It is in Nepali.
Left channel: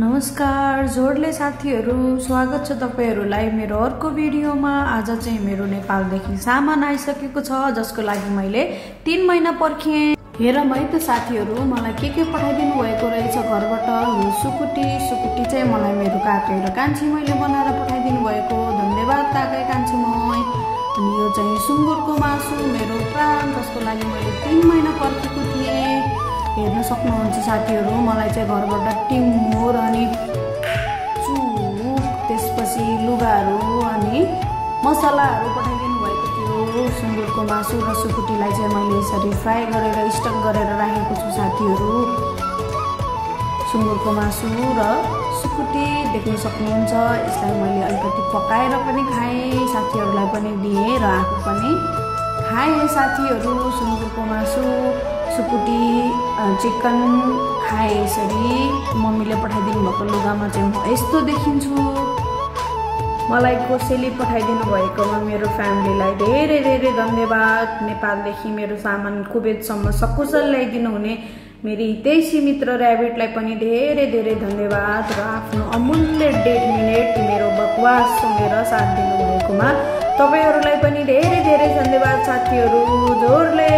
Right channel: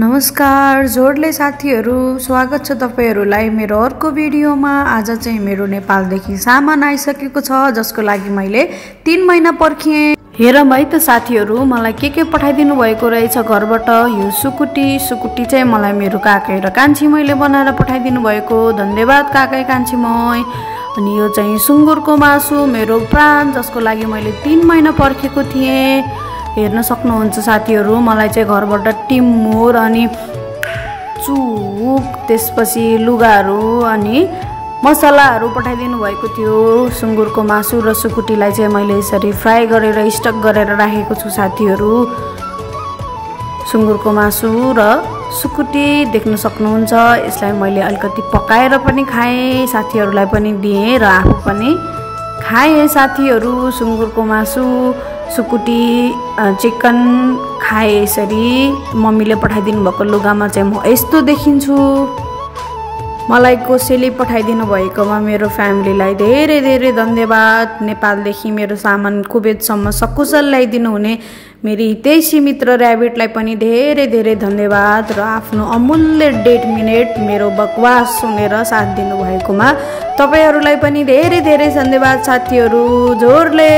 नमस्कार जोडले साथीहरु, स्वागत छ तपाईहरुलाई मेरो अर्को भिडियोमा। आज चाहिँ मेरो नेपालदेखि सामान आइसकेको छ, जसको लागि मैले 3 महिना पर्खिएँ। हेरौँ है त साथीहरु, मलाई के पठाइदिनु भएको रहेछ घरबाट। यो सुकुटी चाहिँ मलाई मेरो काकै र कान्छी मैले बनाएर पठाइदिनु भएको। धन्यवाद काकै कान्छी मै। अनि यो चाहिँ सुँगुरको मासु, मेरो प्राण, जसको लागि मैले 3 महिना पर्खेको थिएँ। हेर्न सक्नुहुन्छ साथीहरु, मलाई चाहिँ घरबाट टिमुर अनि चुक, त्यसपछि लुगाहरू अनि मसलाहरू पठाइदिनु भएको थियो। सुँगुरको मासु र सुकुटीलाई चाहिँ मैले यसरी फ्राई गरेर स्टक गरेर राखेको छु साथीहरु। सुँगुरको मासु र सुकुटी देख्न सक्नुहुन्छ। यसलाई मैले अलिकति पकाएर पनि खाएँ, साथीहरुलाई पनि दिएँ र आफू पनि खाएँ साथीहरु। सुँगुरको मासु, सुकुटी, चिकन खाए। यसरी मम्मीले पठाइदिनु भएको लुगामा चाहिँ म यस्तो देखिन्छु। मलाई कसैले पठाइदिनु भएकोमा मेरो फ्यामिलीलाई धेरै धेरै धन्यवाद। नेपालदेखि मेरो सामान कुवेतसम्म सकुशल ल्याइदिनु हुने मेरी हितैषी मित्र र्याबिटलाई पनि धेरै धेरै धन्यवाद। र आफ्नो अमूल्य 1.5 मिनेट मेरो बकवास सुनेर साथ दिनु भएकोमा तपाईहरुलाई पनि धेरै धेरै धन्यवाद साथीहरु। जोडले